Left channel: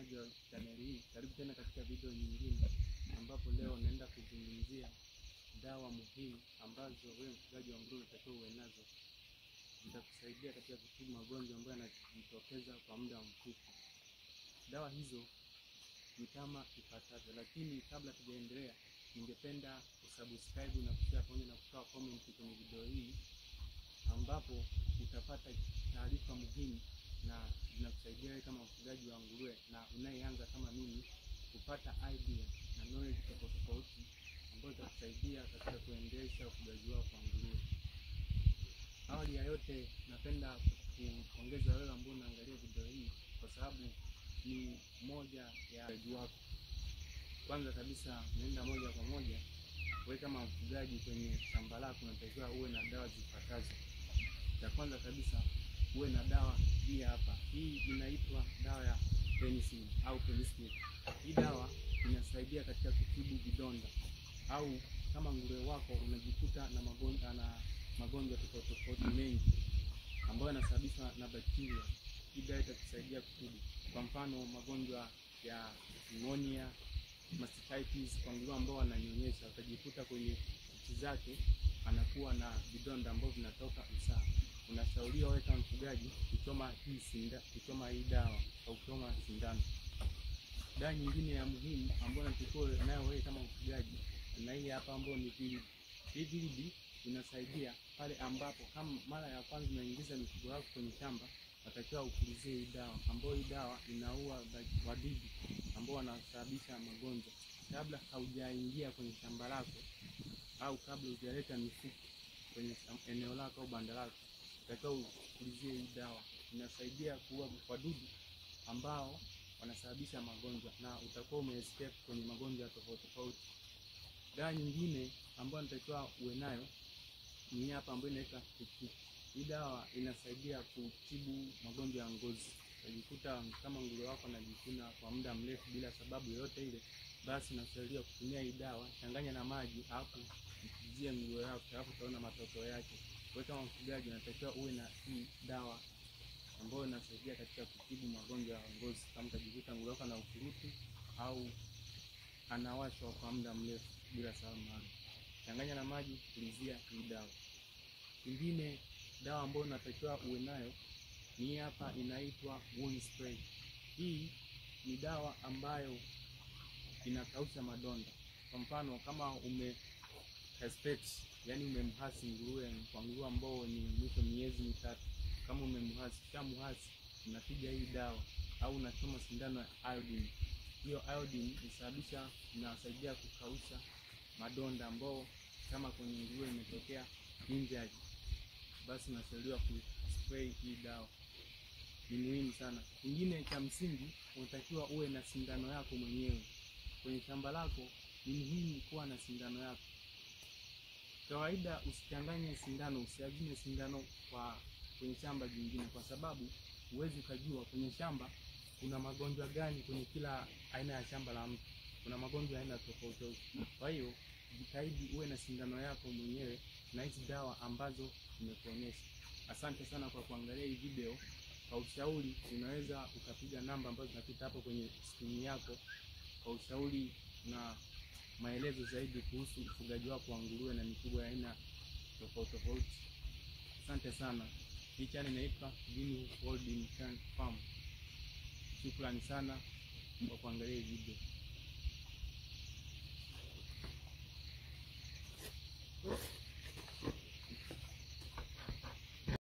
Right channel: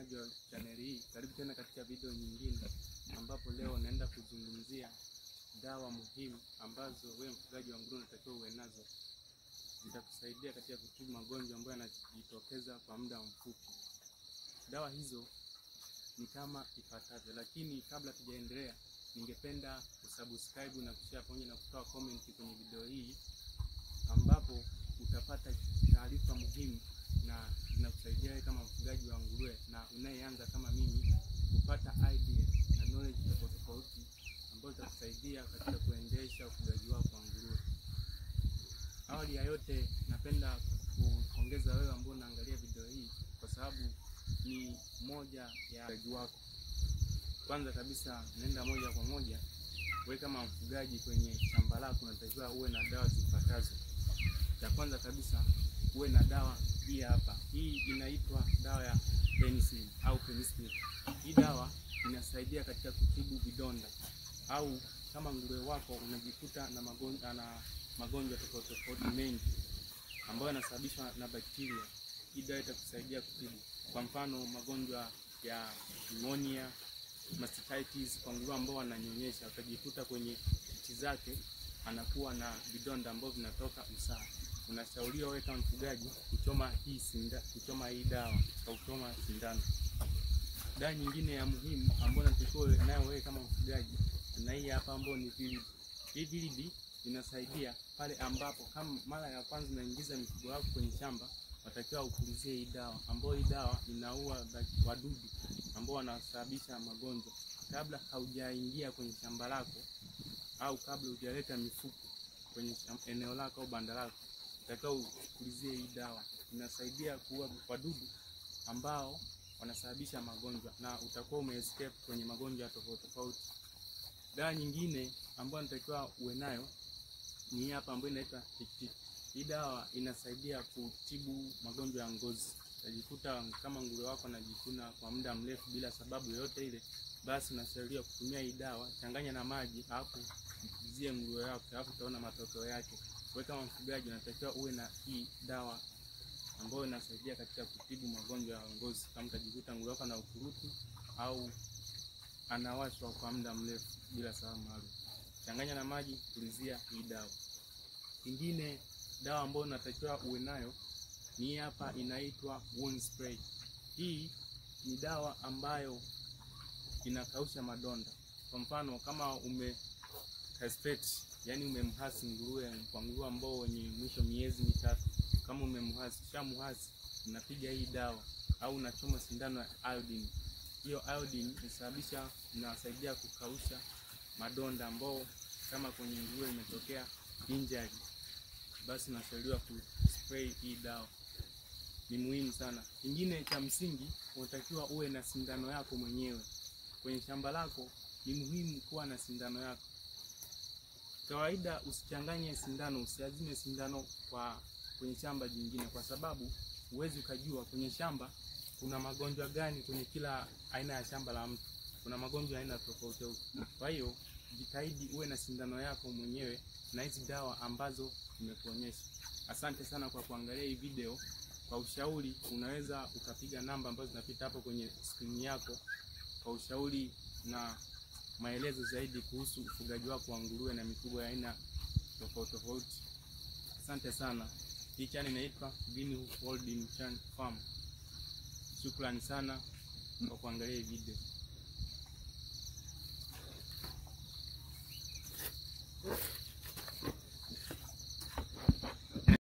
mtazamaji wa channel hii, karibu tena katika video nyingine, ambapo leo naenda kuzungumzia dawa muhimu ambazo wewe mfugaji wa nguruwe unatakiwa uwe nazo. Zitakusaidia katika kutibu magonjwa ambayo yanajitokeza kwa muda mfupi. Dawa hizo ni kama ifuatavyo, lakini kabla tujaendelea, ningependa usubscribe na kushare pamoja na kutoa comment kwenye video hii, ambapo utapata taarifa muhimu na zinakusaidia wewe kama mfugaji wa nguruwe na unayeanza kama mimi kupata idea na knowledge tofauti ambazo zitakusaidia katika kuendesha ufugaji wako wa nguruwe. Awali ya yote, napenda kupongeza wewe ambao unaangalia video hii, kwa sababu ni moja ya ufugaji wako. Kwanza kabisa, nenda moja kwa moja, wewe kama mfugaji kwenye shamba lako unatakiwa uwe na dawa zifuatazo. Ya kwanza kabisa, uwe na dawa hii hapa. Hii inaitwa dawa ya penicillin au penicillin. Hii dawa inasaidia katika kutibu vidonda, au kama nguruwe wako unajikuta na magonjwa tofauti mengi ambayo yanasababishwa na bakteria, hii dawa itakusaidia kutibu. Kwa mfano, magonjwa ya pneumonia, mastitis kwa nguruwe ambao wananyonyesha, utajikuta kwenye titi zake anakuwa na vidonda ambavyo vinatoka usaha. Unashauriwa wewe kama mfugaji kuchoma hii dawa au kuchoma sindano. Dawa nyingine ya muhimu ambayo unatakiwa nayo wewe kama mfugaji na hii hapa, ambayo ni vilidi. Hii vilidi inasaidia pale ambapo kama mara ya kwanza unaingiza mifugo yako kwenye shamba, watakiwa upulizie hii dawa, ambayo hii dawa inaua wadudu ambao wanasababisha magonjwa. Kabla haujaingia kwenye shamba lako au kabla hujaleta mifugo kwenye eneo lako au banda lako, utakao upulizie hii dawa. Inasaidia kuua wadudu ambao wanasababisha magonjwa na utakuwa umeescape kwenye magonjwa tofauti. Dawa nyingine ambayo natakiwa uwe nayo ni hapa, ambayo inaitwa TICTIC. Hii dawa inasaidia kutibu magonjwa ya ngozi. Utajikuta kama nguruwe wako anajikuna kwa muda mrefu bila sababu yoyote ile, basi unashauriwa kutumia hii dawa, changanya na maji, hapo mpulizie nguruwe wako, hapo utaona matokeo yake. Wewe kama mfugaji unatakiwa uwe na hii dawa ambayo inasaidia katika kutibu magonjwa ya ngozi. Kama utajikuta nguruwe wako na ukurutu au anawashwa kwa muda mrefu bila sababu maalum, changanya na maji, pulizia hii dawa. Nyingine dawa ambayo unatakiwa uwe nayo ni hapa, inaitwa wound spray. Hii ni dawa ambayo inakausha madonda. Kwa mfano, kama castrate, yani umemhasi nguruwe, kwa nguruwe ambao ni mwisho miezi mitatu, kama umemhasi, unapiga hii dawa au unachoma sindano ya iodine. Hiyo iodine inasaidia kukausha madonda ambao kama kwenye nguruwe imetokea injury, basi unashauriwa kuspray hii dawa. Ni muhimu sana. Kingine cha msingi, unatakiwa uwe na sindano yako mwenyewe kwenye shamba lako. Ni muhimu kuwa na sindano yako. Kawaida usichanganye sindano, usiazime sindano kwenye shamba jingine, kwa sababu huwezi ukajua kwenye shamba kuna magonjwa gani. Kwenye kila aina ya shamba la mtu kuna magonjwa aina tofauti. Kwa hiyo jitahidi uwe na sindano yako mwenyewe na hizi dawa ambazo nimekuonyesha. Asante sana kwa kuangalia hii video. Kwa ushauri unaweza ukapiga namba ambazo zinapita hapo kwenye screen yako kwa ushauri na maelezo zaidi kuhusu ufugaji wako wa nguruwe na mifugo ya aina tofauti. Asante sana. Hii channel inaitwa Greenhoof Holding Farm. Shukrani sana kwa kuangalia hii video.